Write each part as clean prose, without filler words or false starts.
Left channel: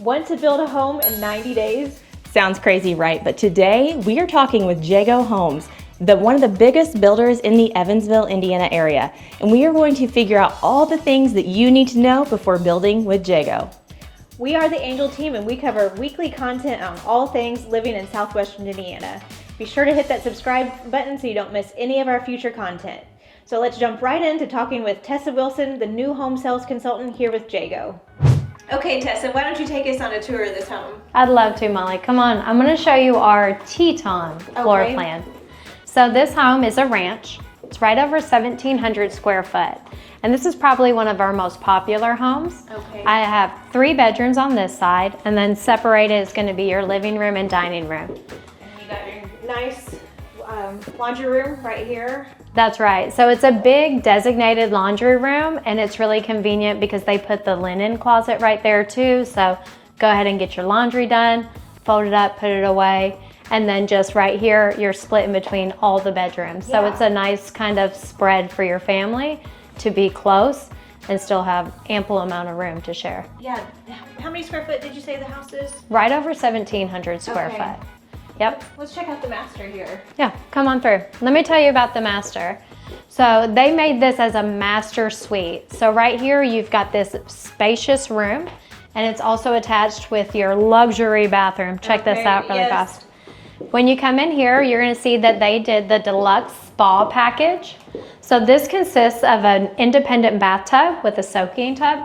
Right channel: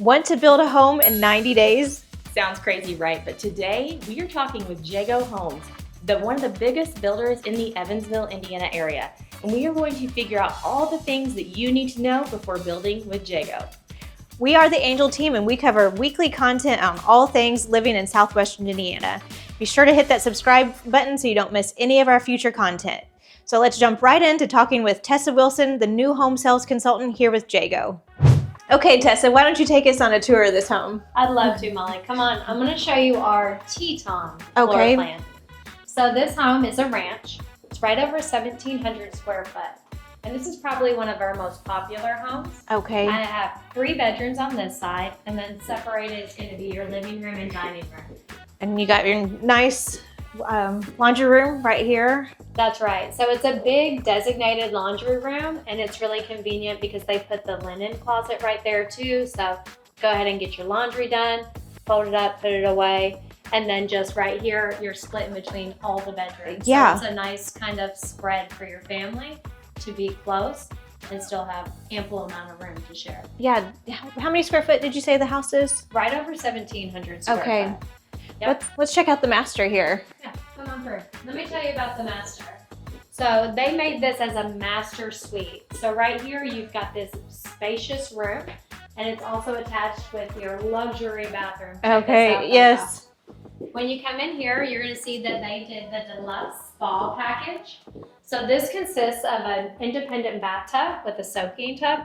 Want to build a home in 90 days? Sounds crazy, right? But today we are talking with Jago Homes, one of the biggest builders in the Evansville, Indiana area. And we are going to figure out all the things that you need to know before building with Jago. We are the Angel team and we cover weekly content on all things living in southwestern Indiana. Be sure to hit that subscribe button so you don't miss any of our future content. So let's jump right into talking with Tessa Wilson, the new home sales consultant here with Jago. Okay, Tessa, why don't you take us on a tour of this home? I'd love to, Molly. Come on, I'm gonna show you our Teton floor plan. So this home is a ranch. It's right over 1,700 square foot. And this is probably one of our most popular homes. Okay. I have 3 bedrooms on this side, and then separated is gonna be your living room and dining room. And you got your nice laundry room right here. That's right. So it's a big designated laundry room, and it's really convenient because they put the linen closet right there too. So go ahead and get your laundry done, fold it up, put it away. And then just right here, you're split in between all the bedrooms. Yeah. So it's a nice kind of spread for your family to be close and still have ample amount of room to share. Yeah. How many square foot did you say the house is? Right over 1,700 square foot. Yep. Let's check out the master here. Yeah, come on through. Let me tell you about the master. So they made this as a master suite. So right here, you've got this spacious room, and it's also attached with your luxury bathroom. Check this out really fast. When you come in here, you're gonna see that they did the deluxe spa package. So this consists of an independent bathtub with a soaking tub.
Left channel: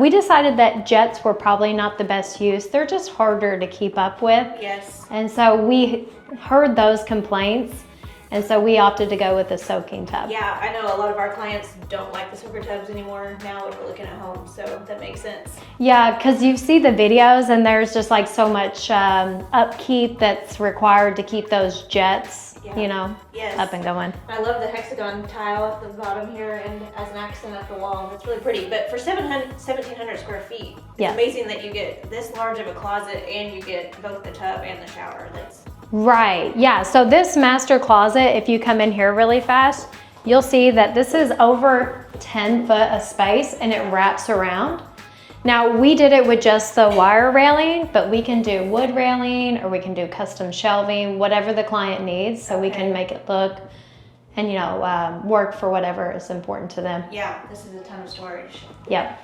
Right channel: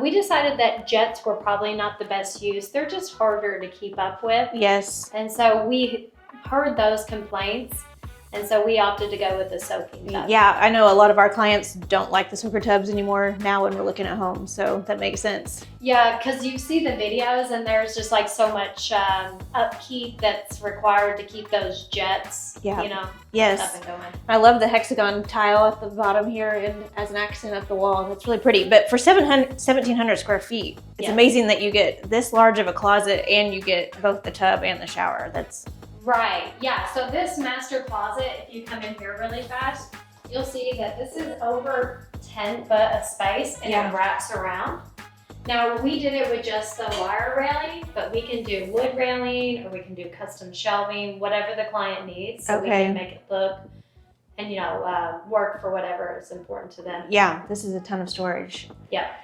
We decided that jets were probably not the best use. They're just harder to keep up with. Yes. And so we heard those complaints, and so we opted to go with the soaking tub. Yeah, I know a lot of our clients don't like the soaker tubs anymore now when we're looking at homes, so that makes sense. Yeah, because you see the videos and there's just like so much upkeep that's required to keep those jets, you know, up and going. I love the hexagon tile at the bottom here and as an accent up the wall. That's really pretty. But for 1,700 square feet, it's amazing that you get this large of a closet and you get both the tub and the shower. That's right. Yeah. So this master closet, if you come in here really fast, you'll see that this is over 10 foot of space and it wraps around. Now we did it with just the wire railing, but we can do wood railing or we can do custom shelving, whatever the client needs, so we can make it look and, you know, work for whatever is important to them. Yeah, this is a ton of storage. Yep.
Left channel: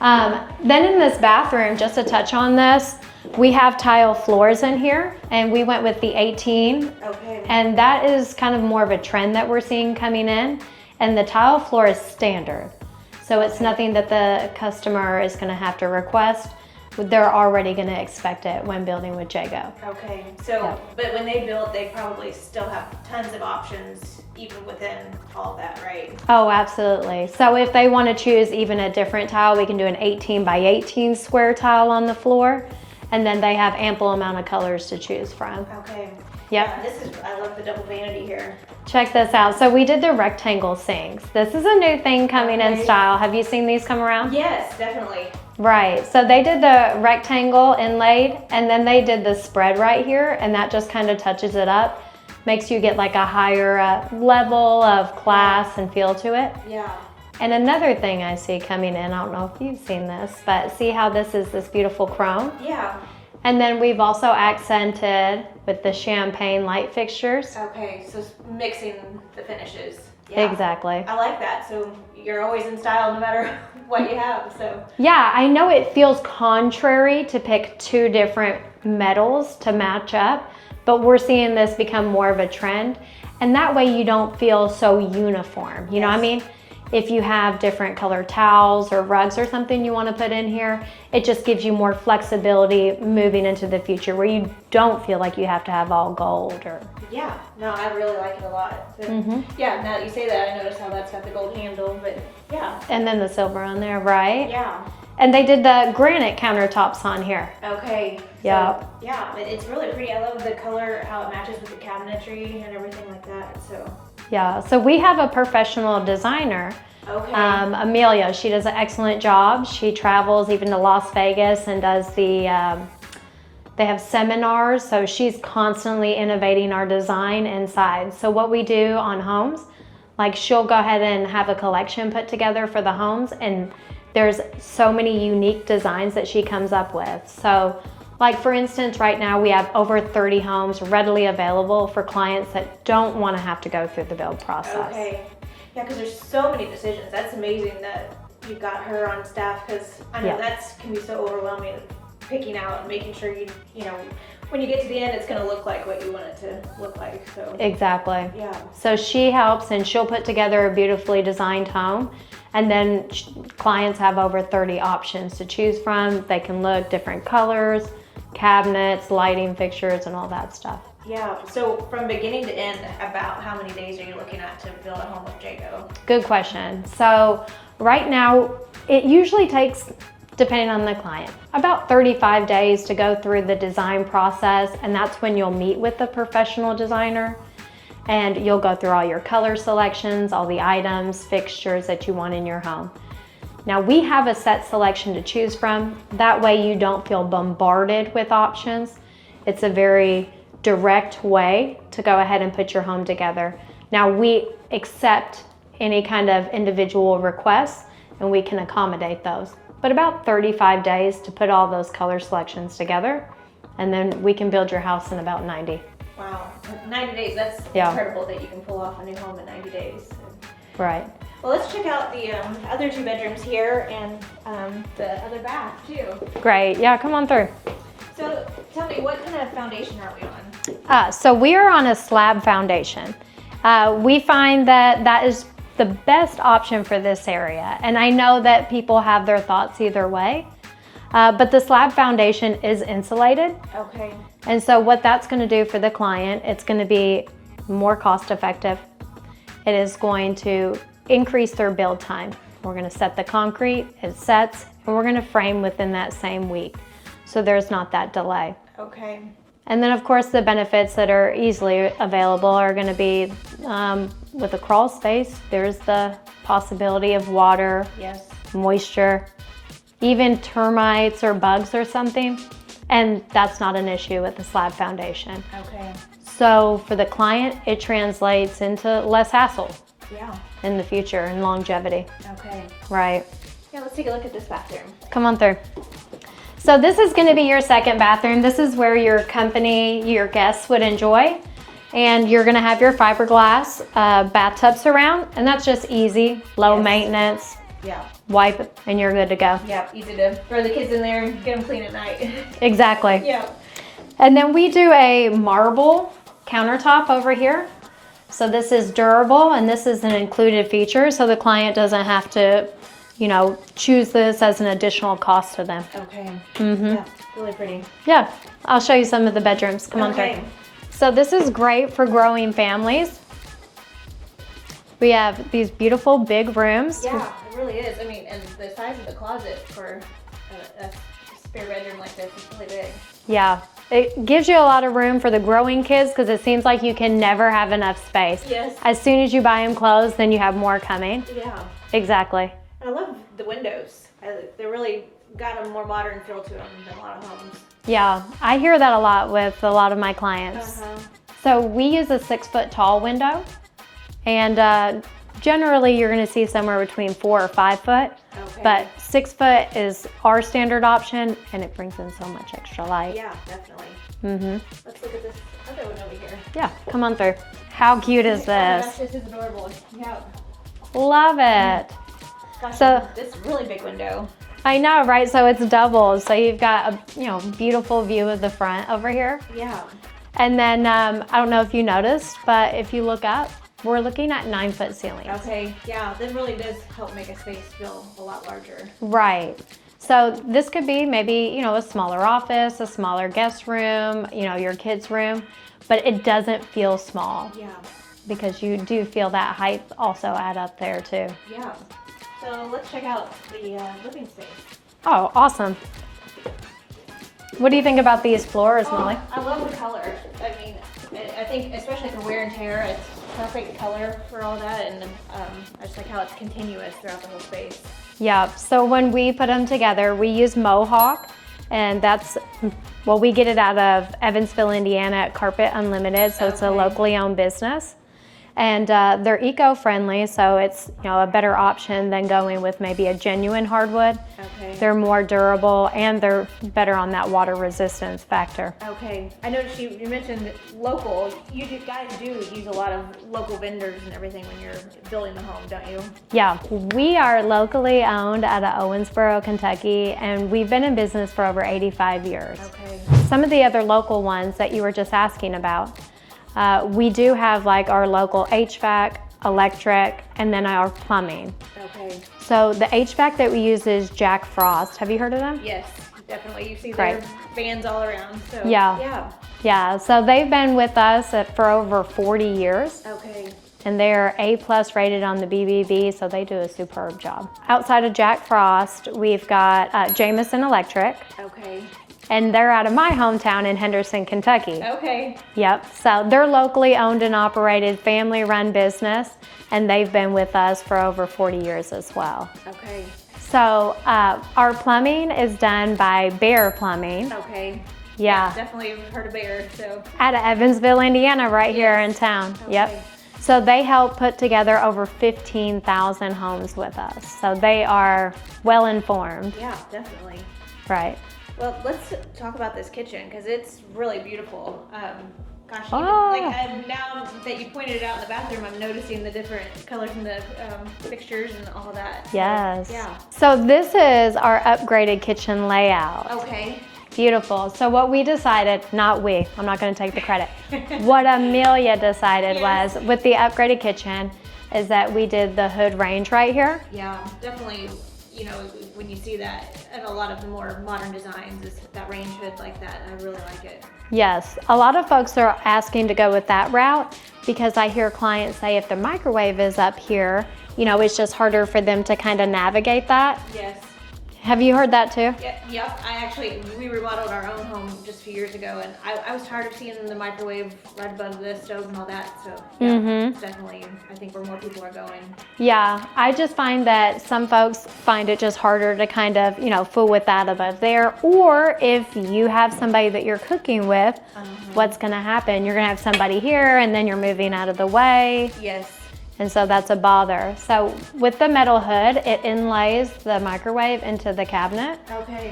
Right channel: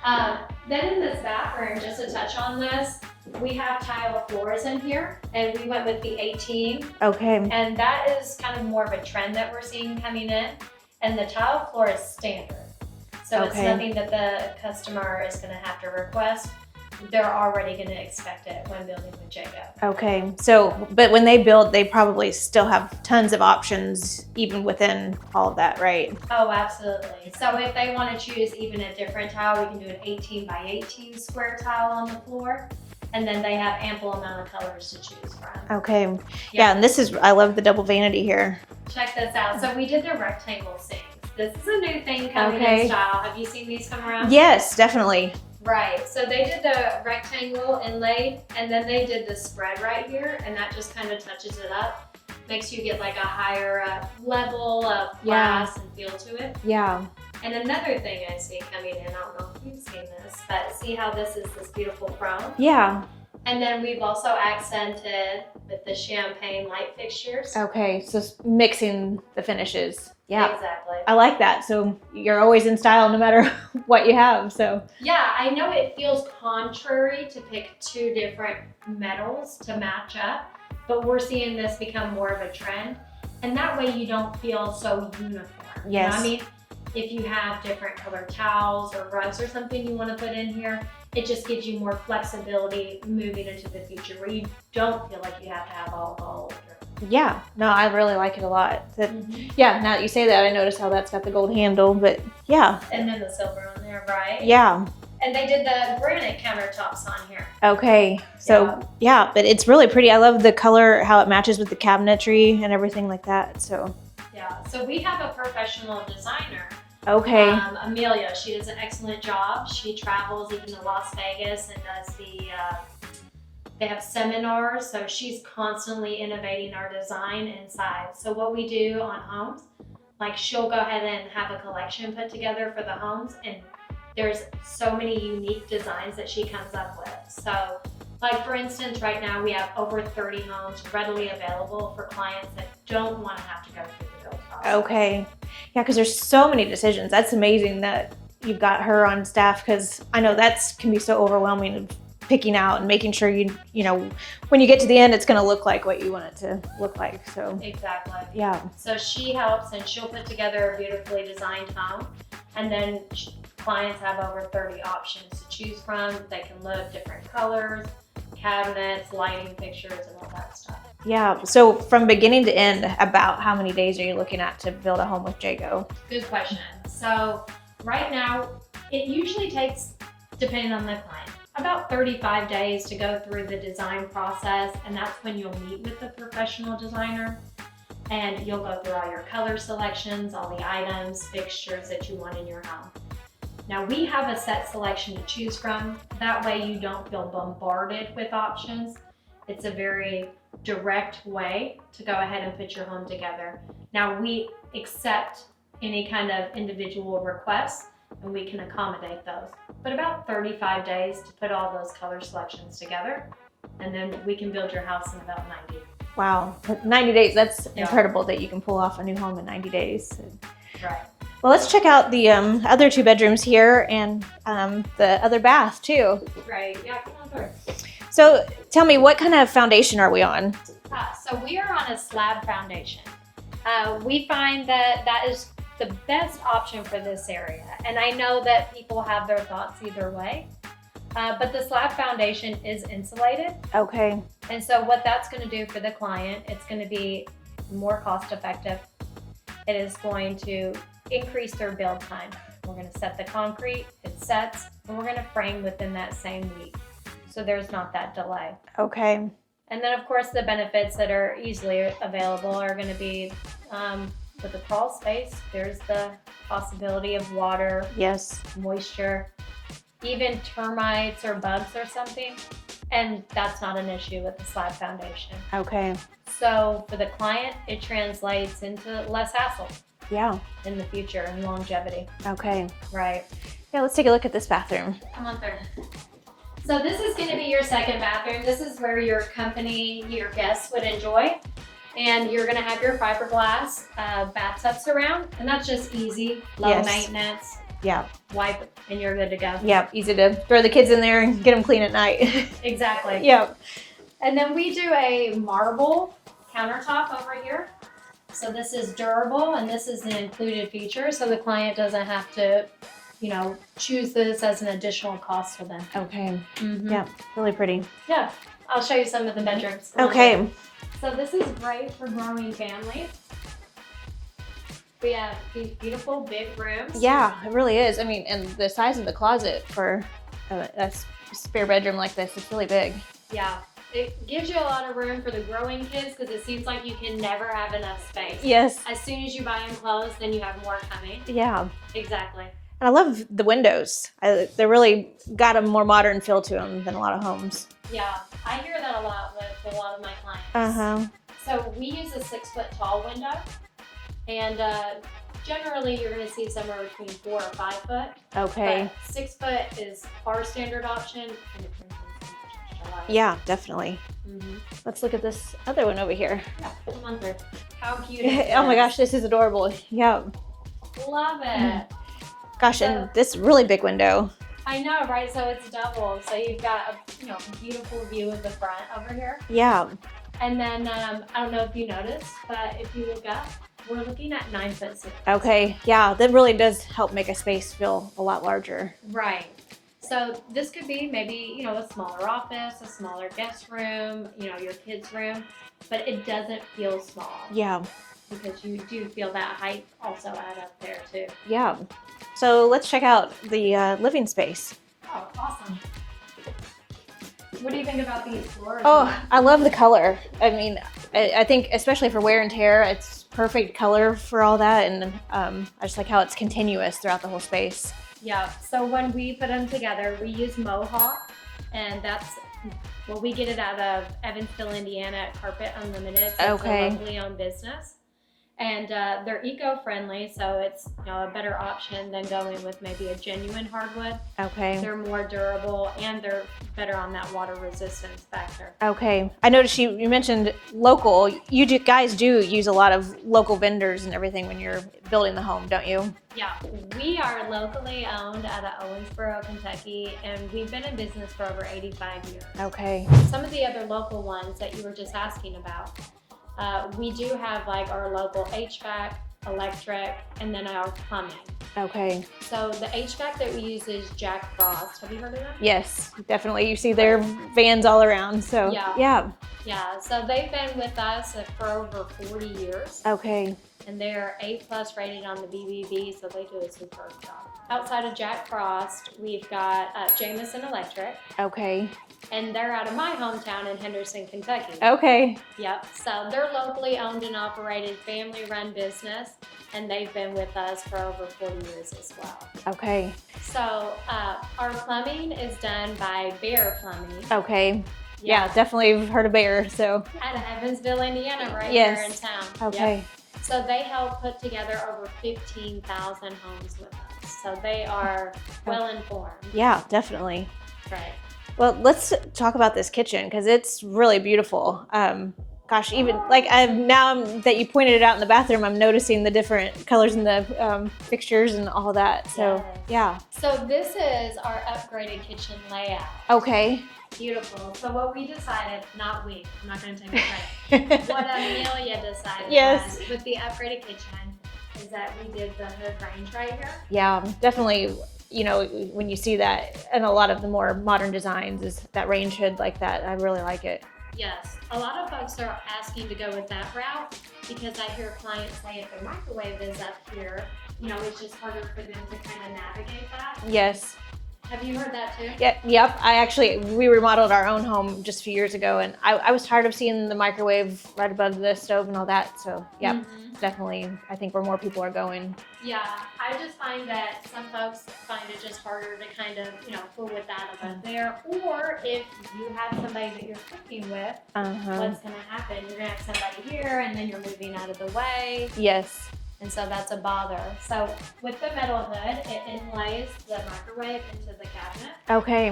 Then in this bathroom, just to touch on this, we have tile floors in here, and we went with the 18. Okay. And that is kind of more of a trend that we're seeing coming in, and the tile floor is standard. So it's nothing that the customer is gonna have to request. They're already gonna expect it when building with Jago. Okay, so, but when they build, they probably still have tons of options even within all of that, right? Oh, absolutely. So if they wanna choose even a different tile, we can do an 18 by 18 square tile on the floor. And then they have ample amount of colors to choose from. Okay. Yeah, and this is, I love the double vanity here. Check this out. So we did the rectangle sinks. This is a new thing coming in style. Have you seen these come around? Yes, definitely. Right. So they did the rectangle inlaid, and then they did the spread right here, and that just kind of touches it up. Makes you get like a higher level of class and feel to it. Yeah. And another thing I see coming in, I don't know if you've seen this, but see how this is this beautiful chrome? Yeah. And then we've also accented with the champagne light fixtures. Okay, so mixing the finishes. Yeah. Exactly. I like that. So you're always in style no matter what you have, so. Yeah, I know it feels contrary to pick 2 different metals to match up, but we're seeing this become more of a trend. And that way you don't feel so uniform. You know what I mean? If you have different colored towels or rugs or something you want to put in here, it just gives you more flexibility moving into the future where you don't feel like you have to have all gold or. Yeah, no, I really like it a lot. Yeah, now that you say that, I notice how that's got the gold handle, but yeah. And then the silver on there, right? Yeah. And they did the granite countertops on here. Okay, so yeah, but it's really pretty. I love the color, how it matches with the cabinetry and everything like that, so. Yeah, so we have a professional designer. Okay. Amelia, she does an excellent job. She travels even to Las Vegas and does the, they have seminars, so she's constantly innovating our design inside. So what we do on homes, like she'll go ahead and have a collection put together for the homes, and There's so many unique designs that she comes up with. So like for instance, right now we have over 30 homes readily available for clients that don't want to have to go through the build process. Okay. Yeah, because there's so many decisions. That's amazing that you've got her on staff, because I know that's can be so overwhelming of picking out and making sure you know, when you get to the end, it's going to look like what you want it to look like. So Exactly. yeah. So she helps and she'll put together a beautifully designed home. And then clients have over 30 options to choose from. They can look different colors, cabinets, lighting fixtures, and all that stuff. Yeah. So from beginning to end, about how many days are you looking at to build a home with Jago? Good question. So right now, it usually takes, depending on the client, about 35 days to go through the design process. And that's when you'll meet with a professional designer. And you'll go through all your color selections, all the items, fixtures that you want in your home. Now we have a set selection to choose from. That way you don't feel bombarded with options. It's a very direct way to go ahead and put your home together. Now we accept any kind of individual requests and we can accommodate those. But about 35 days to put all those color selections together, and then we can build your house in about 90. Wow, 90 days, that's incredible that you can pull off a new home in 90 days. Right. Well, let's check out the other 2 bedrooms here and the other bath too. Great, yeah, come on through. So tell me, what kind of foundation are we on? So we are on a slab foundation. We find that that is the best option for this area. And I know that people have their thoughts either way. But the slab foundation is insulated. Okay. And so what that's going to do for the client, it's going to be more cost effective. It is going to increase their build time. We're going to set the concrete, it sets, and we're going to frame within that same week. So there's not that delay. Okay. And then of course the benefits that are easily available are going to be with a crawl space, there's the possibility of water, Yes. moisture, even termites or bugs or something, and that's not an issue with the slab foundation. Okay. So for the client, it translates into less hassle Yeah. in the future and longevity. Okay. Right. Yeah, let's take a look at this bathroom. Come on through. So this is going to be your second bathroom. This is where your company, your guests would enjoy. And you're going to have your fiberglass bathtub surround, and that's just easy, low maintenance. Yeah. Wipe it and you're good to go. Yeah, easy to throw the kids in there and get them clean at night. Exactly. Yeah. And then we do a marble countertop over here. So this is durable and this is an included feature, so the client doesn't have to, you know, choose this as an additional cost to them. Okay. Mm-hmm. Yeah, really pretty. Yeah, I'll show you some of the bedrooms. Come on. Okay. So this is great for growing families. We have these beautiful big rooms. Yeah, it really is. I mean, and the size of the closet for a spare bedroom like this is really big. Yeah, it gives you a lot of room for the growing kids because it seems like you can never have enough space. Yes. As soon as you buy them clothes, then you have more coming. Yeah. Exactly. And I love the windows. They really got a more modern feel to them than a lot of homes. Yeah, I hear that a lot with a lot of my clients. Uh-huh. So we use a 6-foot tall window, and generally you're going to see somewhere between 4 or 5 foot. Okay. But 6 foot is our standard option, and it brings in so much extra light. Yeah, definitely. Mm-hmm. Let's look at this other one over here. Yeah, come on through. How cute is this? Oh my gosh, this is adorable. Yeah. Love it. Gosh, So- and this really big window. I know, right? So it's double. So you've got a beautiful view of the front over here. Yeah. And then I don't know if you noticed, but if you look up, we're looking at 9-foot ceilings. Okay. Yeah, that really does help make a space feel a lot larger. Right. So this could be maybe, a smaller office, a smaller guest room, your kids' room, but it doesn't feel small. Yeah. Because you do feel that height also add up there too. Yeah. So let's check out the living space. Oh, awesome. What do you think about these floors? Oh, I love the color. I mean, I think especially for wear and tear, it's perfect color for all that. And I just like how it's continuous throughout the whole space. Yeah, so when we put them together, we use Mohawk, and we get it out of Evansville, Indiana at Carpet Unlimited, so it's a Okay. locally owned business. And they're eco-friendly, so it's a better option than going with maybe a genuine hardwood. Okay. They're more durable and they're better on that water resistance factor. Okay. I noticed you mentioned local. You guys do use a lot of local vendors and everything when you're building the home, don't you? Yeah, we are locally owned out of Owensboro, Kentucky, and we've been in business for over 85 years. Okay. Some of the other local ones that you were just asking about, we do have like our local HVAC, electric, and then our plumbing. Okay. So the HVAC that we use is Jack Frost. Have you heard of them? Yes, definitely. You see their vans all around. So Yeah. So they've been with us for over 40 years. Okay. And they're A+ rated on the BBB, so they do a superb job. Outside of Jack Frost, we've got Jameson Electric. Okay. And they're out of my hometown in Henderson, Kentucky. Okay. Yep, so they're locally owned and operated, family-run business, and they've been with us for over 40 years as well. Okay. So our plumbing is done by Bear Plumbing. Okay. Yeah. Definitely heard of Bear, so. Out of Evansville, Indiana, right here in town. Okay. Yep. So they help put together over 15,000 homes with us. So they are well informed. Yeah, definitely. Right. Well, let's talk about this kitchen because it's really beautiful. Gosh, even now that you pointed it out in the bathroom, I'm noticing the different colors in the fixtures and all that. So, Yes. Yeah. So this is our upgraded kitchen layout. Okay. Beautiful. So what we decided, not we, I'm not going to take the credit. What Amelia decided was with the upgraded kitchen is that we did the hood range right here. Yeah, definitely. When you see that in a lot of the more modern designs, is that range hood like that. I really like it. Yes, a lot of folks are asking to go with that route because I hear clients say if the microwave is up here, it's just harder for them to kind of navigate that. Yes. Have you heard that too? Yeah, yep. We remodeled our own home just a few years ago, and I was tired of seeing the microwave right above the stove and all that. So yeah, definitely, I think where more people are going. Yeah, I just find that some folks find it just harder to kind of, fool with that above there. Or if you have somebody that you're cooking with, what's going to happen? You're going to have somebody here, and then you're moving out of the way. Yes. And so that's a bother. So with the metal hood, it inlays the microwave into the cabinet. Okay.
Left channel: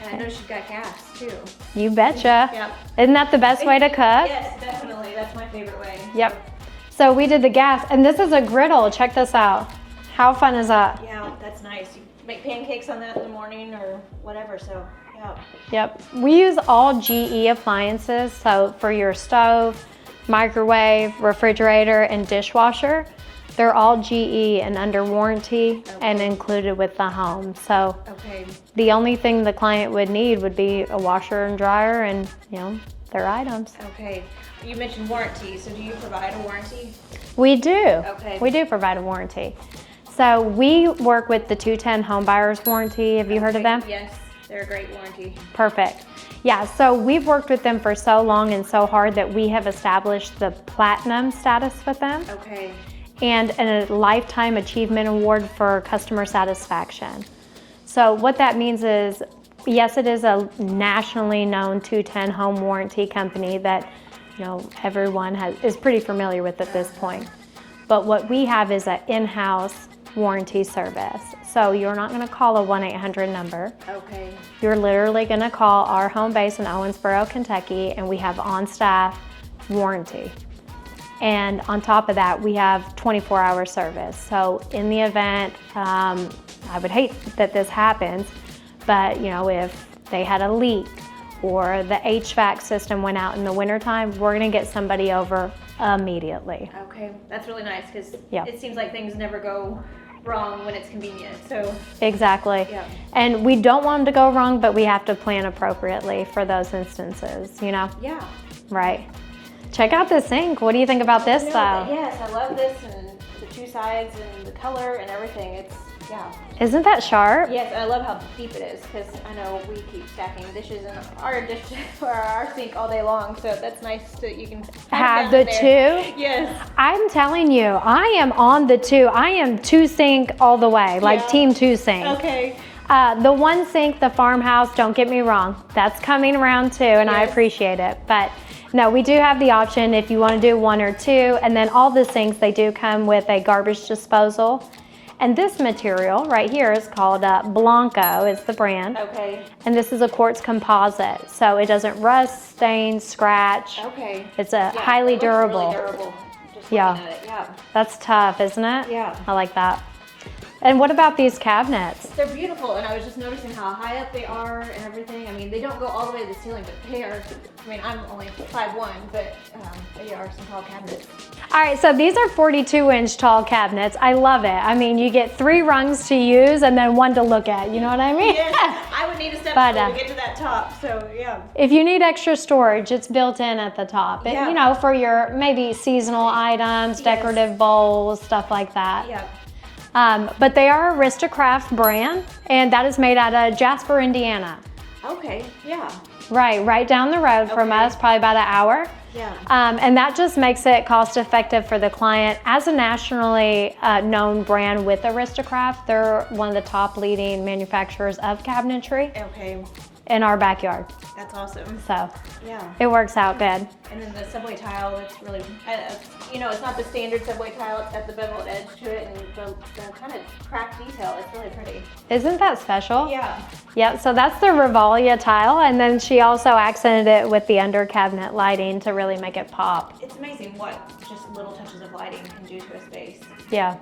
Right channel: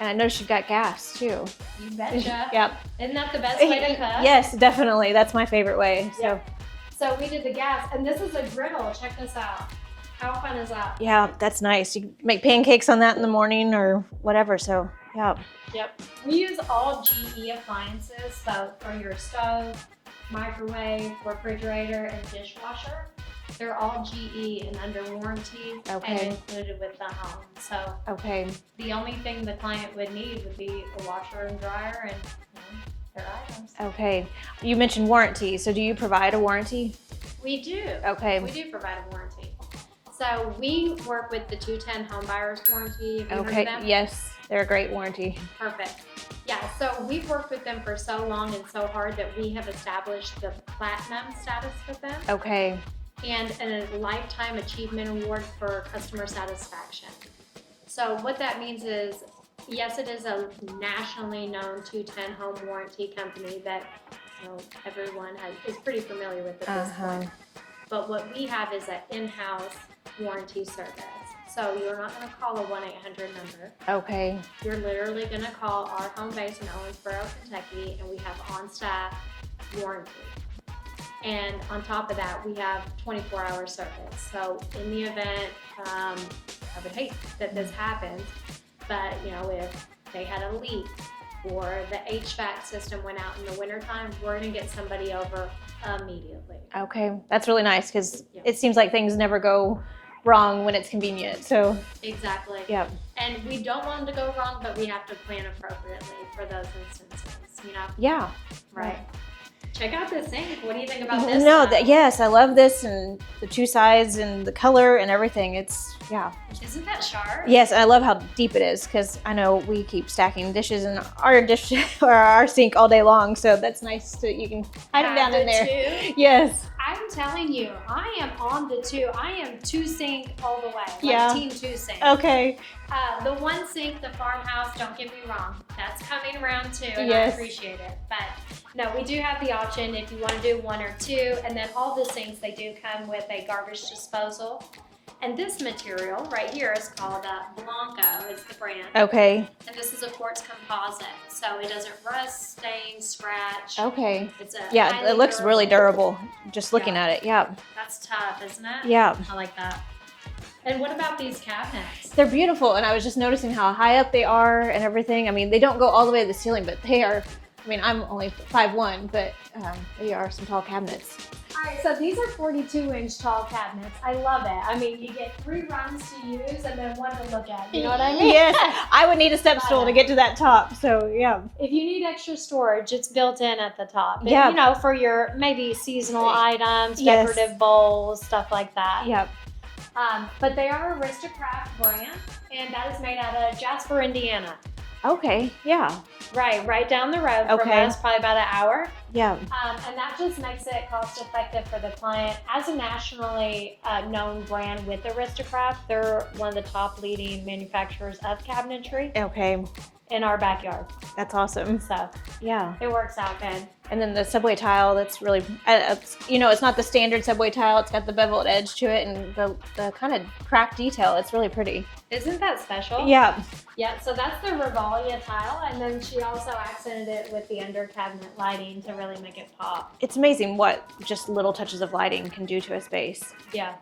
And I noticed you've got gas too. You betcha. Yep. Isn't that the best way to cook? Yes, definitely. That's my favorite way. Yep. So we did the gas, and this is a griddle. Check this out. How fun is that? Yeah, that's nice. You make pancakes on that in the morning or whatever, so yeah. Yep. We use all GE appliances, so for your stove, microwave, refrigerator, and dishwasher, they're all GE and under warranty and included with the home. So the only thing the client would need would be a washer and dryer and their items. Okay. You mentioned warranty, so do you provide a warranty? We do. Okay. We do provide a warranty. So we work with the 210 Home Buyers Warranty. Have you heard of them? Yes, they're a great warranty. Perfect. Yeah, so we've worked with them for so long and so hard that we have established the platinum status with them. Okay. And a lifetime achievement award for customer satisfaction. So what that means is, yes, it is a nationally known 210 home warranty company that everyone is pretty familiar with at this point. But what we have is an in-house warranty service. So you're not going to call a 1-800 number. Okay. You're literally going to call our home base in Owensboro, Kentucky, and we have on-staff warranty. And on top of that, we have 24-hour service. So in the event, I would hate that this happens, but if they had a leak or the HVAC system went out in the wintertime, we're going to get somebody over immediately. Okay, that's really nice because it seems like things never go wrong when it's convenient. So exactly. Yeah. And we don't want them to go wrong, but we have to plan appropriately for those instances. Yeah. Right. Check out this sink. What do you think about this? Yes, I love this and the two sides and the color and everything. Isn't that sharp? Yes, I love how deep it is because I know we keep stacking dishes in our sink all day long, so that's nice that you can have the two. Yes. I'm telling you, I am on the two. I am two sink all the way, like team two sink. Okay. The one sink, the farmhouse, don't get me wrong, that's coming around too, and I appreciate it. But no, we do have the option if you want to do one or two, and then all the sinks, they do come with a garbage disposal. And this material right here is called Blanco, it's the brand. Okay. And this is a quartz composite, so it doesn't rust, stain, scratch. Okay. It's a highly it looks durable. really durable, just looking at it, yeah. That's tough, isn't it? Yeah. I like that. And what about these cabinets? They're beautiful, and I was just noticing how high up they are and everything. I mean, they don't go all the way to the ceiling, but they are, I mean, I'm only 5'1", but they are some tall cabinets. All right, so these are 42-inch tall cabinets. I love it. I mean, you get 3 rungs to use and then 1 to look at. You know what I mean? Yes, I would need a step stool to get to that top, so yeah. If you need extra storage, it's built in at the top. Yeah. You know, for your maybe seasonal items, decorative bowls, stuff like that. Yeah. But they are a Aristocraft brand, and that is made out of Jasper, Indiana. Okay, yeah. Right down the road from us, probably about an hour. Yeah. And that just makes it cost effective for the client. As a nationally known brand with Aristocraft, they're one of the top leading manufacturers of cabinetry in our backyard. That's awesome. So yeah, it works out good. And then the subway tile, that's really, you know, it's not the standard subway tile. It's got the beveled edge to it and the kind of cracked detail. It's really pretty. Isn't that special? Yeah. Yeah, so that's the Rivalia tile, and then she also accented it with the under cabinet lighting to really make it pop. It's amazing what just little touches of lighting can do to a space. Yeah.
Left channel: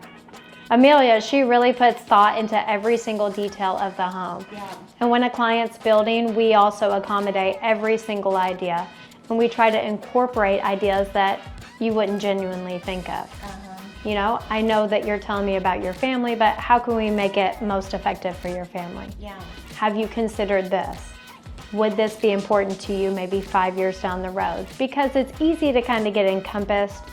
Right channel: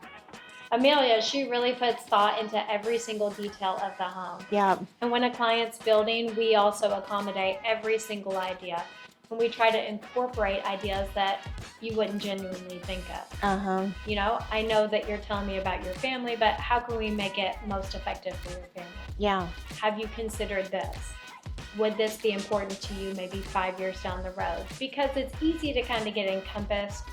Amelia, she really puts thought into every single detail of the home. Yeah. And when a client's building, we also accommodate every single idea. And we try to incorporate ideas that you wouldn't genuinely think of. You know, I know that you're telling me about your family, but how can we make it most effective for your family? Yeah. Have you considered this? Would this be important to you maybe 5 years down the road? Because it's easy to kind of get encompassed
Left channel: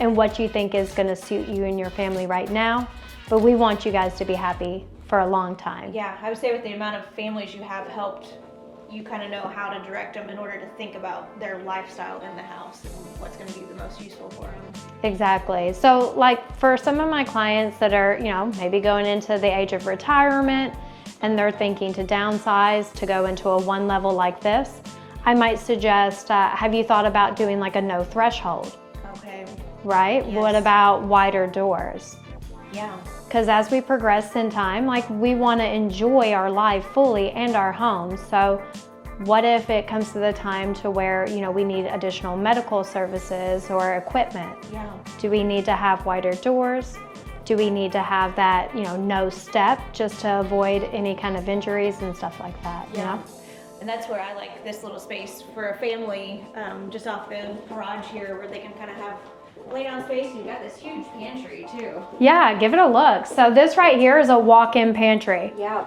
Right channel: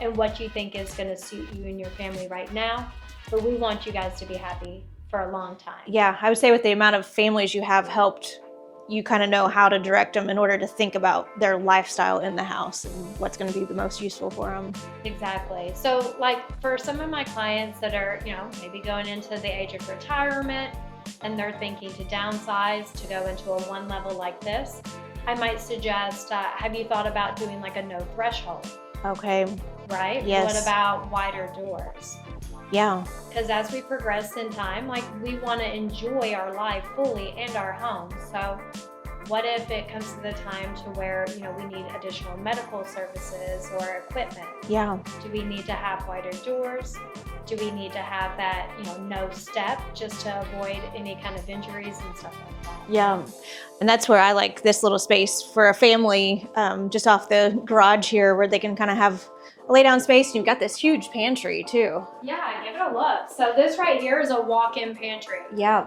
in what you think is going to suit you and your family right now, but we want you guys to be happy for a long time. Yeah, I would say with the amount of families you have helped, you kind of know how to direct them in order to think about their lifestyle in the house and what's going to be the most useful for them. Exactly. So like for some of my clients that are, you know, maybe going into the age of retirement and they're thinking to downsize to go into a 1 level like this, I might suggest, have you thought about doing like a no threshold? Okay. Right? Yes. What about wider doors? Yeah. Because as we progress in time, like we want to enjoy our life fully and our home. So what if it comes to the time to where, you know, we need additional medical services or equipment? Yeah. Do we need to have wider doors? Do we need to have that, you know, no step just to avoid any kind of injuries and stuff like that? Yeah. You know? And that's where I like this little space for a family, just off the garage here where they can kind of have a lay down space. You've got this huge pantry too. Yeah, give it a look. So this right here is a walk-in pantry. Yeah.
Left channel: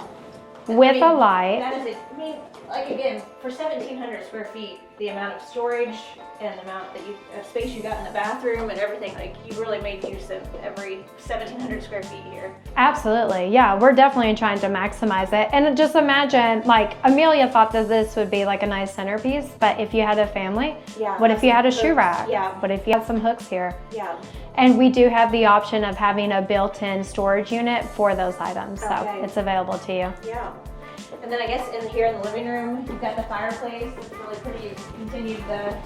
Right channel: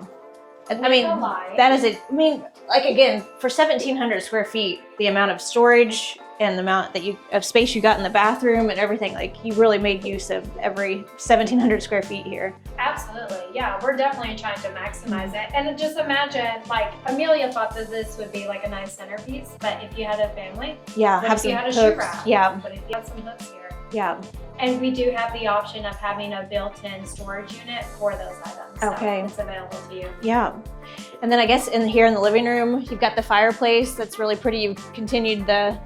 With a light. That is I mean, like again, for 1,700 square feet, the amount of storage and the amount of space you got in the bathroom and everything, like you really made use of every 1,700 square feet here. Absolutely, yeah, we're definitely trying to maximize it. And just imagine, like Amelia thought that this would be like a nice centerpiece, but if you had a family, what if you had a shoe rack? Yeah. What if you had some hooks here? Yeah. And we do have the option of having a built-in storage unit for those items, so it's available to you. Yeah. And then I guess here in the living room, you've got the fireplace that's really pretty. You've continued the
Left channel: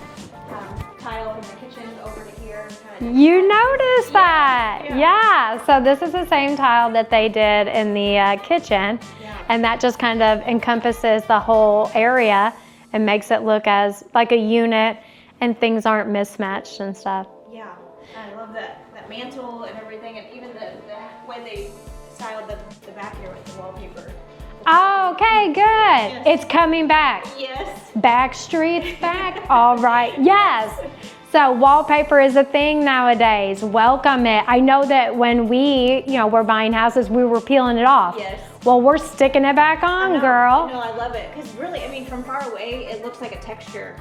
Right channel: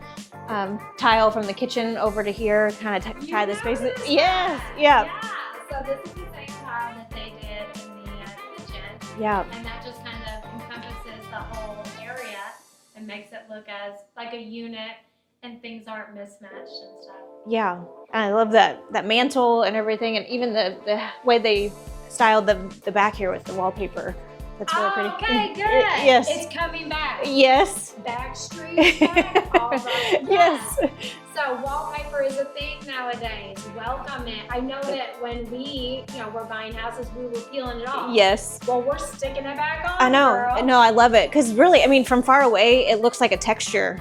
tile from the kitchen over to here. You noticed that? Yeah. Yeah. So this is the same tile that they did in the kitchen. Yeah. And that just kind of encompasses the whole area and makes it look as like a unit and things aren't mismatched and stuff. Yeah. And I love that mantle and everything, and even the way they styled the back here with the wallpaper. Oh, okay, good. Yes. It's coming back. Yes. Backstreet is back. All right. Yes. So wallpaper is a thing nowadays. Welcome it. I know that when we, were buying houses, we were peeling it off. Yes. Well, we're sticking it back on, I know. girl. No, I love it. Because really, I mean, from far away, it looks like a texture.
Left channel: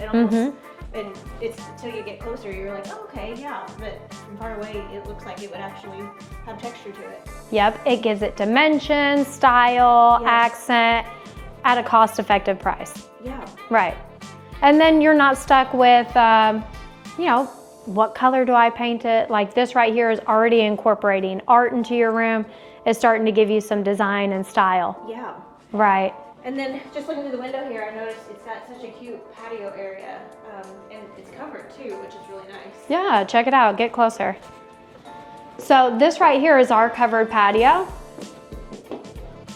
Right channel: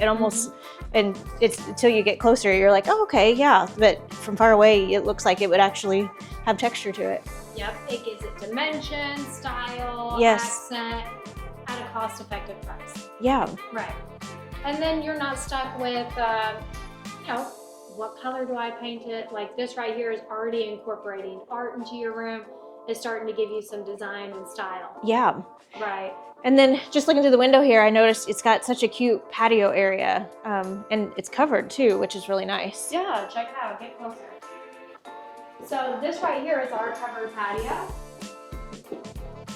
It almost, and it's until you get closer, you're like, oh, okay, yeah. But from far away, it looks like it would actually have texture to it. Yep, it gives it dimension, style, accent, at a cost-effective price. Yeah. Right. And then you're not stuck with, what color do I paint it? Like this right here is already incorporating art into your room. is starting to give you some design and style. Yeah. Right. And then just looking through the window here, I noticed it's got such a cute patio area, and it's covered too, which is really nice. Yeah, check it out, get closer. So this right here is our covered patio.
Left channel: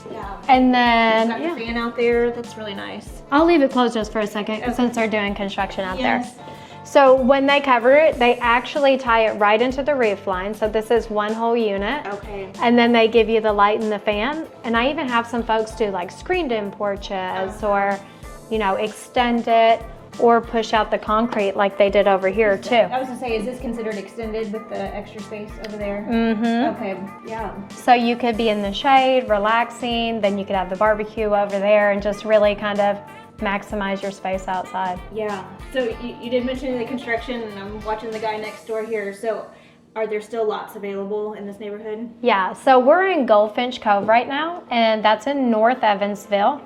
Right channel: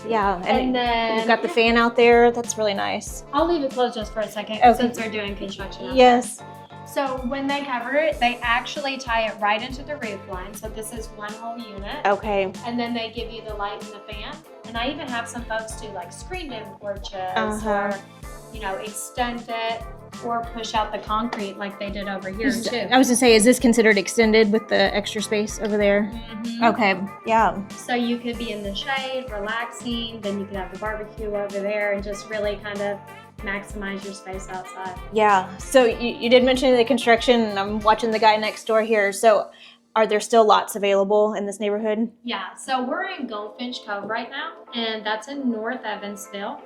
Yeah. And then you've got the fan out there. That's really nice. I'll leave it closed just for a second since they're doing construction out Yes. there. So when they cover it, they actually tie it right into the roof line. So this is one whole unit. Okay. And then they give you the light and the fan. And I even have some folks do like screened-in porches or, you know, extend it or push out the concrete like they did over here too. I was gonna say, is this considered extended with the extra space over there? Mm-hmm. Okay. Yeah. So you could be in the shade, relaxing. Then you could have the barbecue over there and just really kind of maximize your space outside. Yeah. So you did mention the construction, and I'm watching the guy next door here. So are there still lots available in this neighborhood? Yeah, so we're in Goldfinch Cove right now, and that's in North Evansville.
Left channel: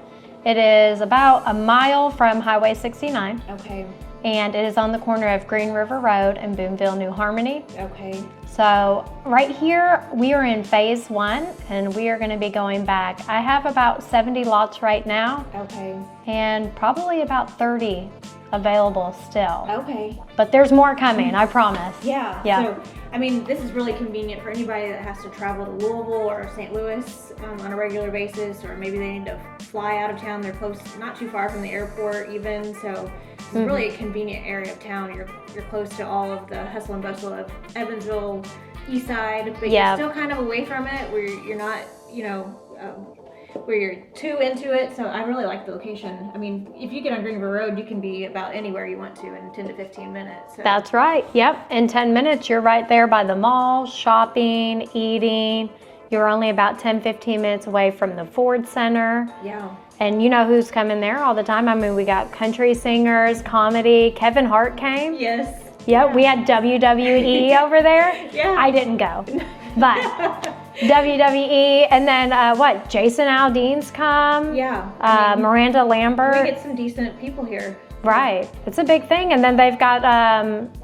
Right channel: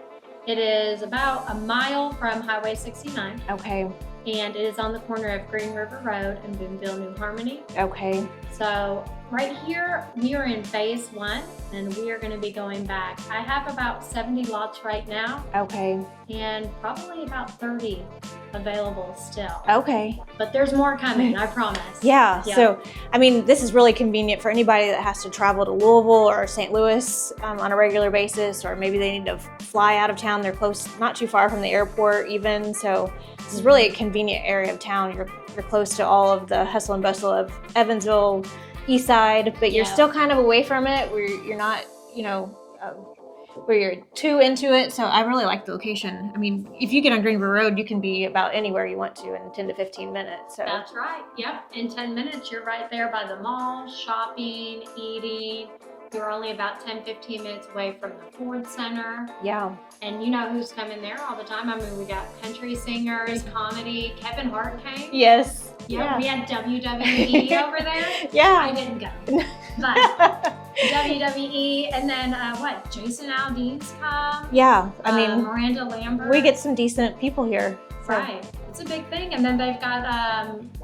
It is about a mile from Highway 69, Okay. and it is on the corner of Green River Road and Boonville, New Harmony. Okay. So right here, we are in phase 1, and we are going to be going back. I have about 70 lots right now, Okay. and probably about 30 available still. Okay. But there's more coming, I promise. Yeah. Yeah. So, I mean, this is really convenient for anybody that has to travel to Louisville or St. Louis on a regular basis, or maybe they need to fly out of town. They're close, not too far from the airport even. So this is really a convenient area of town. You're close to all of the hustle and bustle of Evansville, East Side, but you're still kind of away from it where you're not, you know, where you're too into it. So I really like the location. I mean, if you get on Green River Road, you can be about anywhere you want to in 10 to 15 minutes. So. That's right. Yep. In 10 minutes, you're right there by the mall, shopping, eating. You're only about 10, 15 minutes away from the Ford Center. Yeah. And you know who's coming there all the time? I mean, we got country singers, comedy. Kevin Hart came. Yes. Yep. Yeah. We had WWE over there. Yeah. I didn't go. But WWE, and then Jason Aldean's come. Yeah. I mean, Miranda Lambert. we get some decent people here. Right. It's a big thing. And then they've got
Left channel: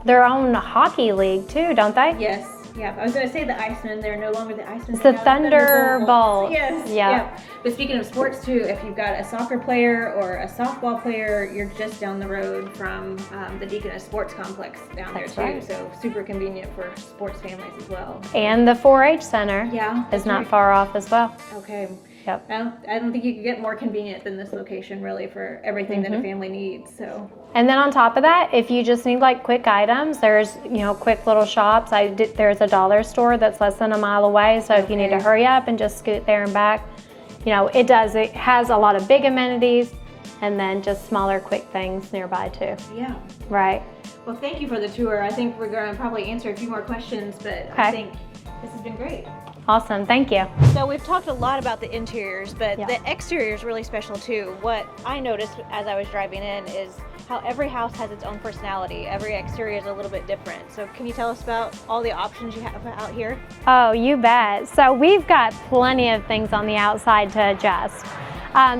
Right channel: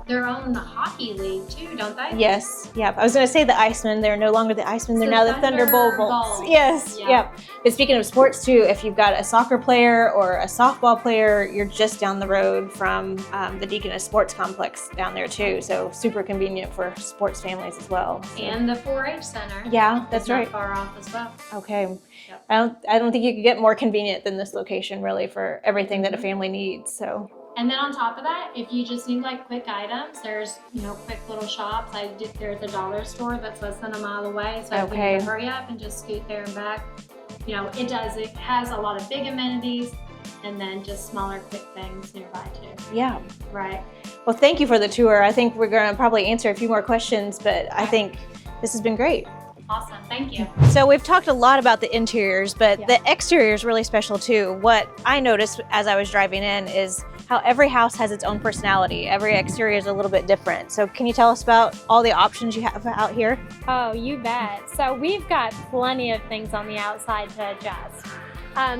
their own hockey league too, don't they? Yes. Yeah. I was going to say the Icemen. They're no longer the Icemen. It's They're the now the Thunderbolts. Yes. Yeah. Yep. But speaking of sports too, if you've got a soccer player or a softball player, you're just down the road from the Deaconess Sports Complex down there too. Right. So super convenient for sports families as well. So. And the 4-H center. Yeah, It's that's not right. far off as well. Okay. Yep. I don't think you could get more convenient than this location really for everything that a family needs. So. And then on top of that, if you just need like quick items, there's, you know, quick little shops. There's a dollar store that's less than a mile away. So if you need to hurry up and just scoot there and back, you know, it has a lot of big amenities and then just smaller quick things nearby too. Yeah. Right. Well, thank you for the tour. I think we're going to probably answer a few more questions, but I think this has been great. Awesome. Thank you. So we've talked a lot about the interiors, but the exterior is really special too. What I noticed as I was driving in is how every house has its own personality. Every exterior is a little bit different. So can you tell us about all the options you have out here? Oh, you bet. So we've got plenty of things on the outside to adjust.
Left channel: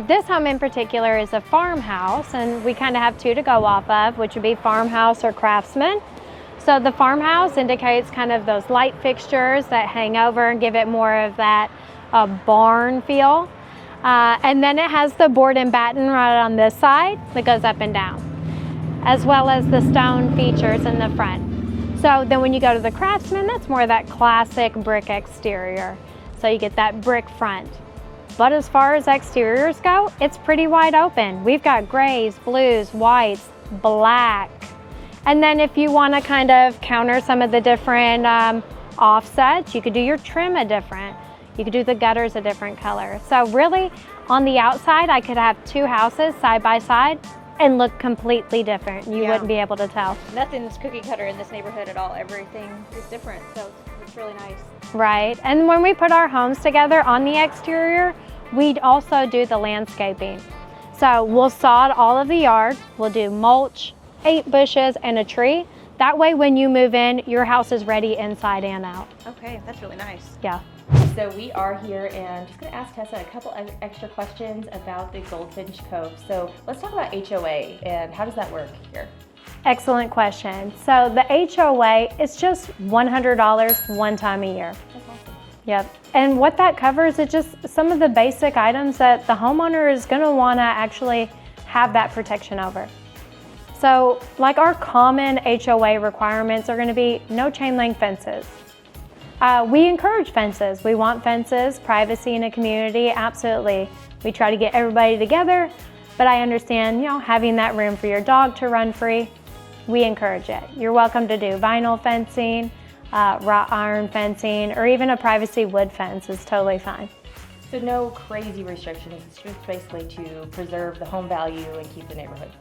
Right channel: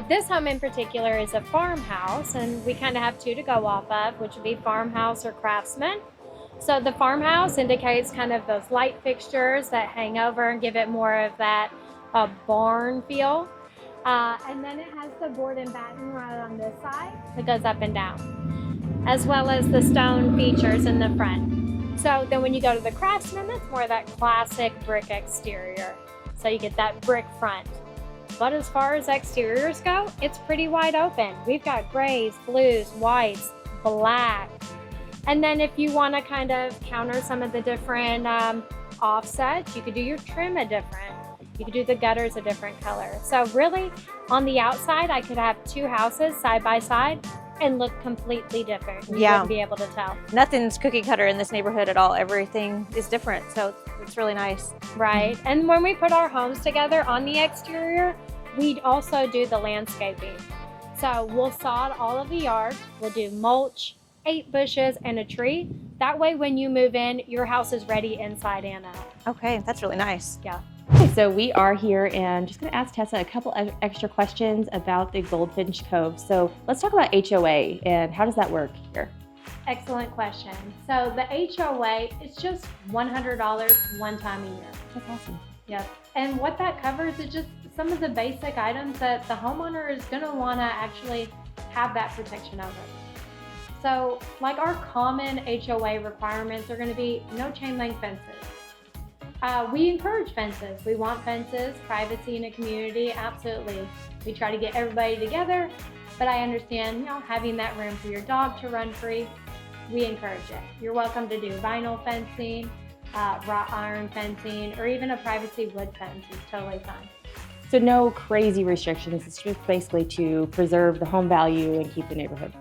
This home in particular is a farmhouse, and we kind of have two to go off of, which would be farmhouse or craftsman. So the farmhouse indicates kind of those light fixtures that hang over and give it more of that barn feel. And then it has the board and batten right on this side that goes up and down, as well as the stone features in the front. So then when you go to the craftsman, that's more of that classic brick exterior. So you get that brick front. But as far as exteriors go, it's pretty wide open. We've got grays, blues, whites, black. And then if you want to kind of counter some of the different offsets, you could do your trim a different. You could do the gutters a different color. So really, on the outside, I could have two houses side by side and look completely different. You wouldn't be able to tell. Nothing's cookie cutter in this neighborhood at all. Everything is different, so it's really nice. Right. And when we put our homes together on the exterior, we'd also do the landscaping. So we'll sod all of the yard. We'll do mulch, 8 bushes, and a tree. That way, when you move in, your house is ready inside and out. Okay, that's really nice. Yeah. So we are here and just going to ask Tessa a couple of extra questions about the Goldfinch Cove. So let's talk about HOA and how does that work here? Excellent question. So the HOA is just $100 one time a year. That's awesome. Yep. And what that covers is just some of the basic items that the homeowner is going to want to actually have that protection over. So like our common HOA requirements are going to be no chain link fences. We encourage fences. We want fences, privacy in a community, absolutely. We try to get everybody together, but I understand, having that room for your dog to run free, we encourage it. You're welcome to do vinyl fencing, wrought iron fencing, or even a privacy wood fence is totally fine. So no crazy restrictions, it's just basically to preserve the home value and keep the neighborhood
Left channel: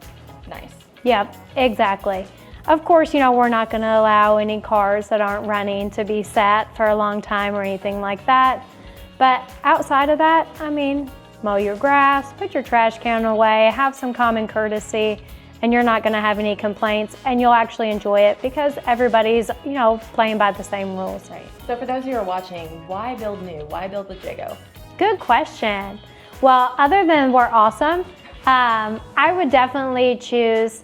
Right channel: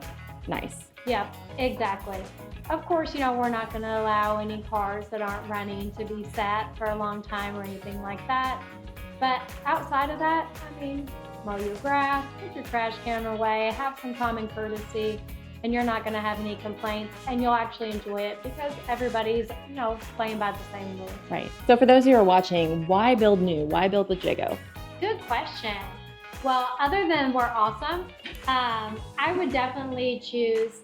nice. Yep, exactly. Of course, we're not going to allow any cars that aren't running to be sat for a long time or anything like that. But outside of that, mow your grass, put your trash can away, have some common courtesy, and you're not going to have any complaints, and you'll actually enjoy it because everybody's, playing by the same rules. Right. So for those who are watching, why build new? Why build with Jago? Good question. Well, other than we're awesome, I would definitely choose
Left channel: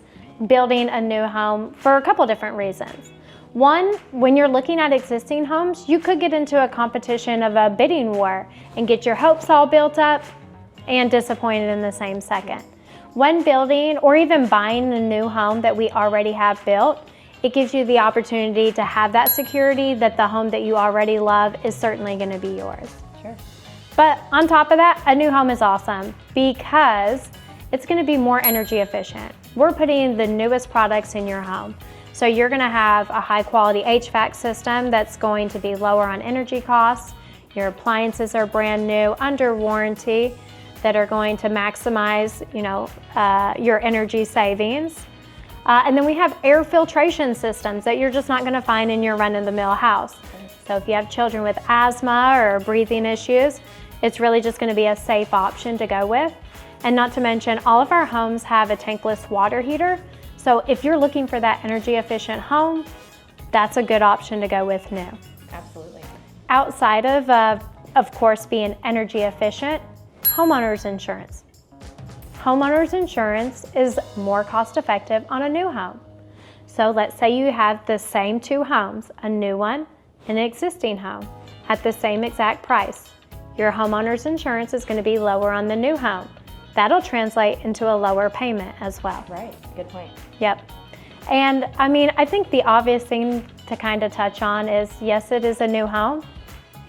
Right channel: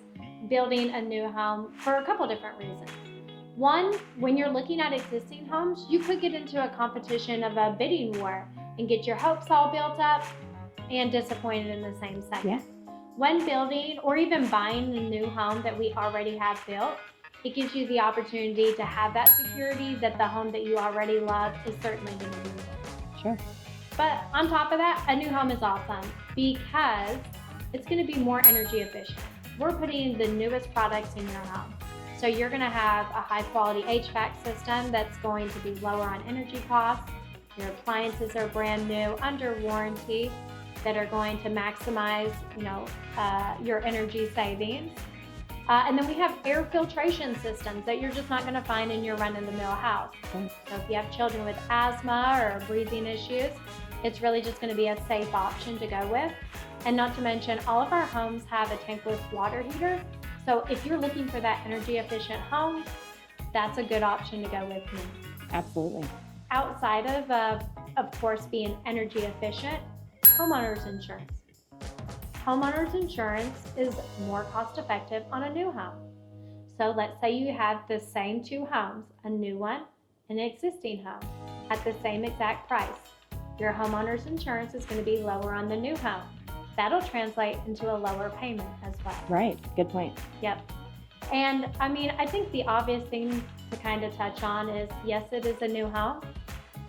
building a new home for a couple different reasons. One, when you're looking at existing homes, you could get into a competition of a bidding war and get your hopes all built up and disappointed in the same second. When building or even buying a new home that we already have built, it gives you the opportunity to have that security that the home that you already love is certainly going to be yours. Sure. But on top of that, a new home is awesome because it's going to be more energy efficient. We're putting the newest products in your home. So you're going to have a high quality HVAC system that's going to be lower on energy costs. Your appliances are brand new, under warranty, that are going to maximize, your energy savings. And then we have air filtration systems that you're just not going to find in your run-of-the-mill house. So if you have children with asthma or breathing issues, it's really just going to be a safe option to go with. And not to mention, all of our homes have a tankless water heater. So if you're looking for that energy efficient home, that's a good option to go with new. Absolutely. Outside of course, being energy efficient, homeowners insurance. Homeowners insurance is more cost effective on a new home. So let's say you have the same two homes, a new one and an existing home, at the same exact price. Your homeowner's insurance is going to be lower on the new home. That'll translate into a lower payment as well. Right, good point. Yep. And I think the obvious thing to kind of touch on is, yes, it is a new home,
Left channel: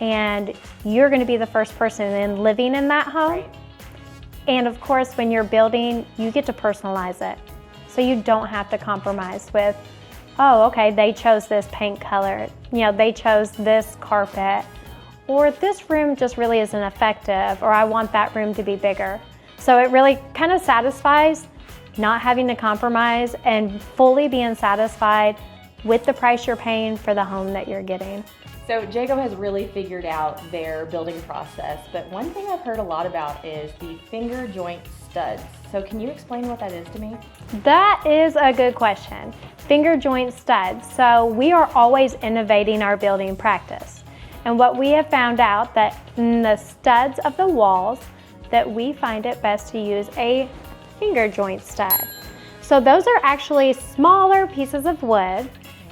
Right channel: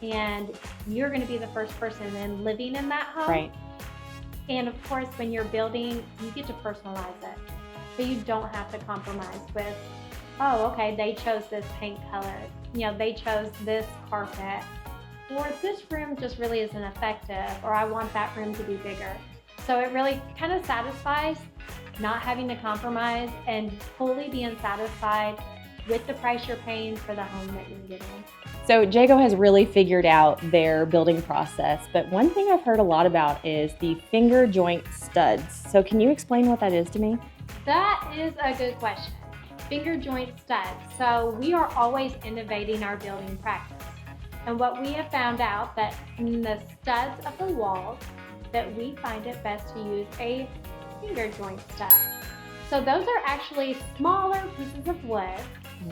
and you're going to be the first person in living in that home. Right. And of course, when you're building, you get to personalize it. So you don't have to compromise with, oh, okay, they chose this paint color, they chose this carpet, or this room just really isn't effective, or I want that room to be bigger. So it really kind of satisfies not having to compromise and fully being satisfied with the price you're paying for the home that you're getting. So Jago has really figured out their building process, but one thing I've heard a lot about is the finger joint studs. So can you explain what that is to me? That is a good question. Finger joint studs. So we are always innovating our building practice. And what we have found out that in the studs of the walls, that we find it best to use a finger joint stud. So those are actually smaller pieces of wood,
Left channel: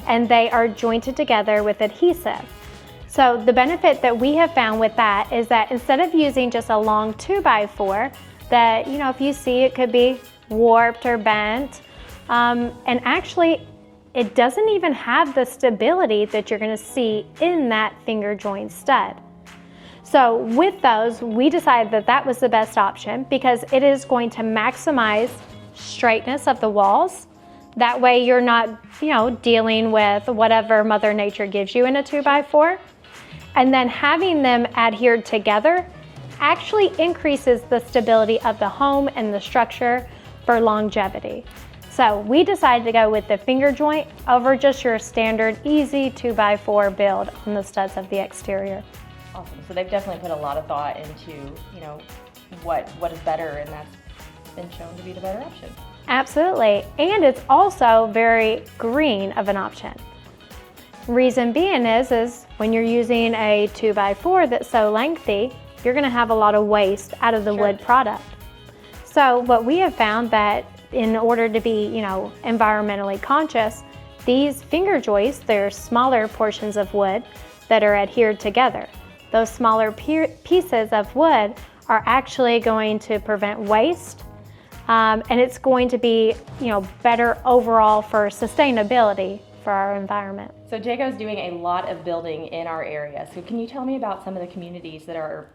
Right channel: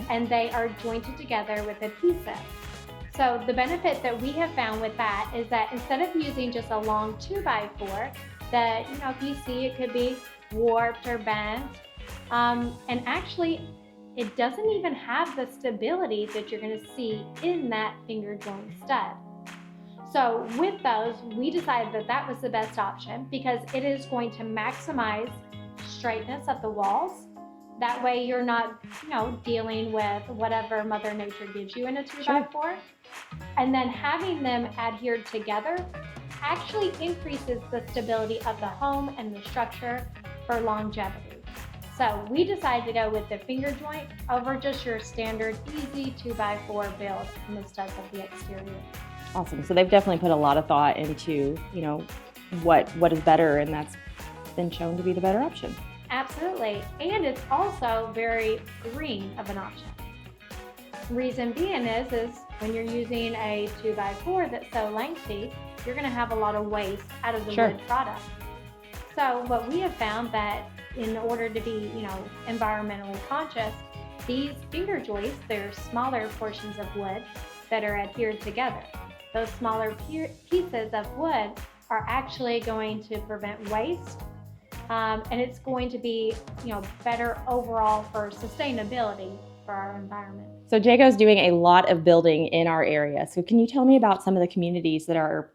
and they are jointed together with adhesive. So the benefit that we have found with that is that instead of using just a long 2x4 that, if you see, it could be warped or bent, and actually it doesn't even have the stability that you're going to see in that finger joint stud. So with those, we decided that that was the best option because it is going to maximize straightness of the walls. That way you're not, dealing with whatever Mother Nature gives you in a 2x4. And then having them adhered together actually increases the stability of the home and the structure for longevity. So we decided to go with the finger joint over just your standard easy 2x4 build on the studs of the exterior. Awesome. So they've definitely put a lot of thought into, what is better, and that's been shown to be the better option. Absolutely. And it's also very green of an option. Reason being is when you're using a 2x4 that's so lengthy, you're going to have a lot of waste out of the Sure. wood product. So what we have found that in order to be, environmentally conscious, these finger joists, they're smaller portions of wood that are adhered together. Those smaller pieces of wood are actually going to prevent waste, and it's going to be, better overall for sustainability for our environment. So Jago's doing a lot of building in our area. So can you tell me about some of the communities that are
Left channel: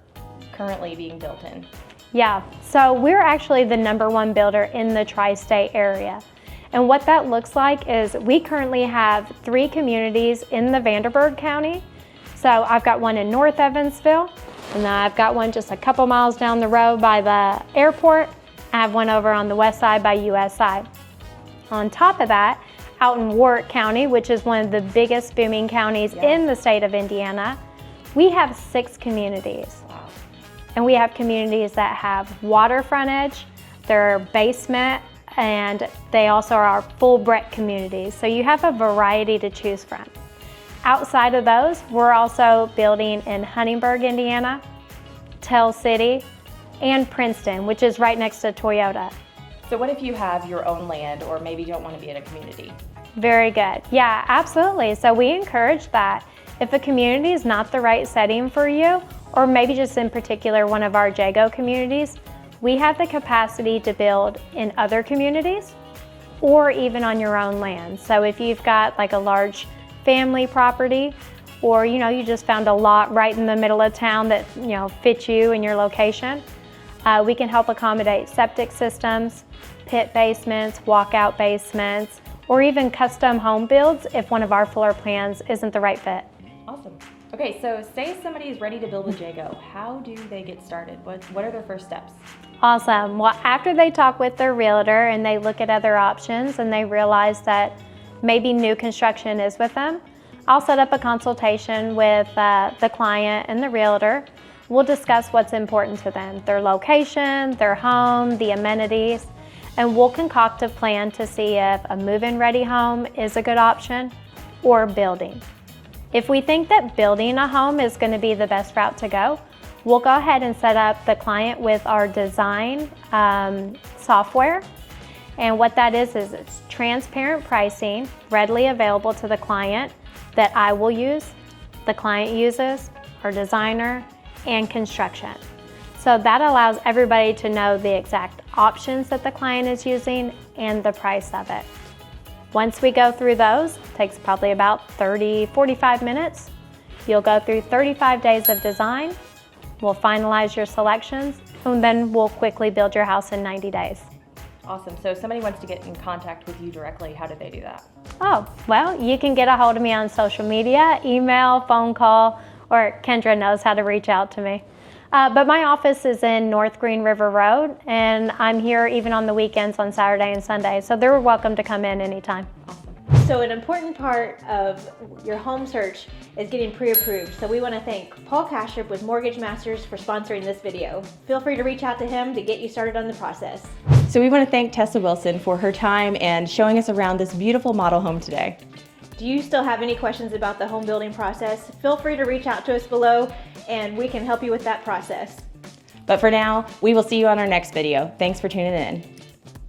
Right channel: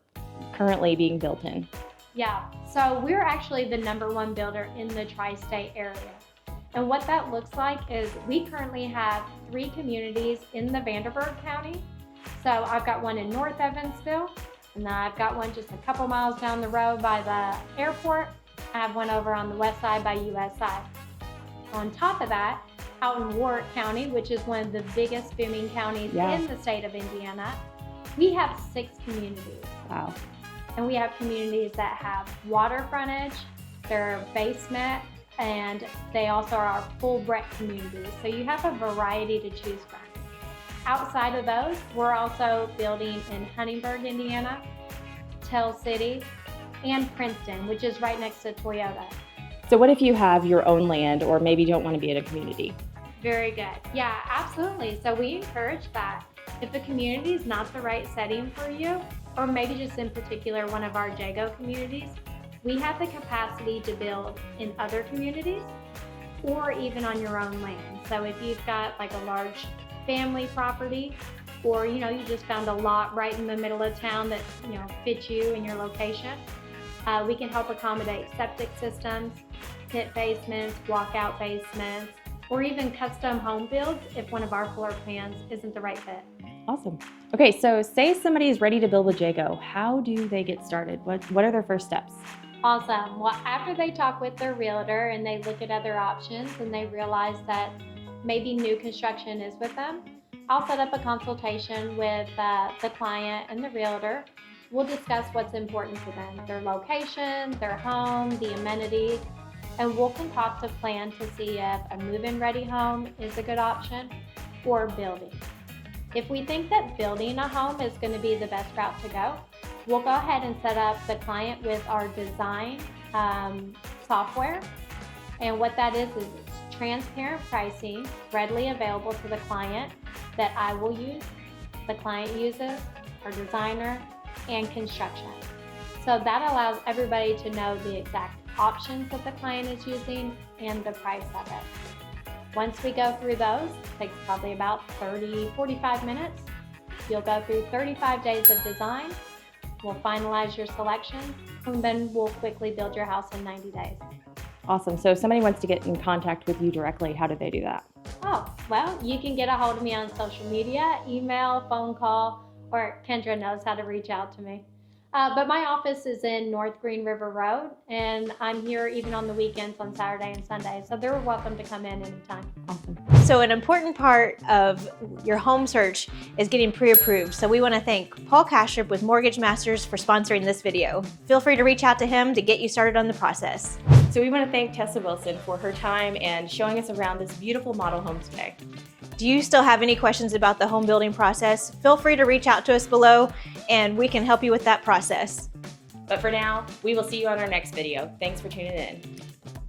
currently being built in? Yeah, so we're actually the #1 builder in the tri-state area. And what that looks like is we currently have 3 communities in the Vanderburgh County. So I've got one in North Evansville, and then I've got one just a couple miles down the road by the airport. I have one over on the west side by USI. On top of that, out in Warwick County, which is one of the biggest booming counties in the state of Indiana, we have 6 communities. Wow. And we have communities that have water frontage, their basement, and they also are our full breadth communities. So you have a variety to choose from. Outside of those, we're also building in Huntingburg, Indiana, Tell City, and Princeton, which is right next to Toyota. So what if you have your own land or maybe you don't want to be in a community? Very good. Yeah, absolutely. So we encourage that. If a community is not the right setting for you, or maybe just in particular one of our Jago communities, we have the capacity to build in other communities or even on your own land. So if you've got like a large family property, or you just found a lot right in the middle of town that fits you and your location, we can help accommodate septic systems, pit basements, walkout basements, or even custom home builds if one of our floor plans isn't the right fit. Awesome. Okay, so say somebody's ready to build a Jago. How do they get started? What are their first steps? Awesome. Well, after they talk with their realtor and they look at other options and they realize that maybe new construction is with them, I'll set up a consultation with the client and the realtor. We'll discuss what's important to them, their location, their home, the amenities, and we'll concoct a plan to see if a move-in ready home is a good option or building. If we think that building a home is going to be the best route to go, we'll go ahead and set up the client with our design software. And what that is it's transparent pricing readily available to the client that I will use, the client uses, our designer, and construction. So that allows everybody to know the exact options that the client is using and the price of it. Once we go through those, it takes probably about 30-45 minutes. You'll go through 35 days of design. We'll finalize your selections, and then we'll quickly build your house in 90 days. Awesome. So if somebody wants to get in contact with you directly, how do they do that? Oh, well, you can get a hold of me on social media, email, phone call, or Kendra knows how to reach out to me. But my office is in North Green River Road, and I'm here even on the weekends on Saturday and Sunday, so they're welcome to come in anytime. So an important part of your home search is getting pre-approved. So we want to thank Paul Kastrup with Mortgage Masters for sponsoring this video. Feel free to reach out to him to get you started on the process. So we want to thank Tessa Wilson for her time and showing us around this beautiful model home today. Do you still have any questions about the home building process? Feel free to reach out to us below and we can help you with that process. But for now, we will see you on our next video. Thanks for tuning in.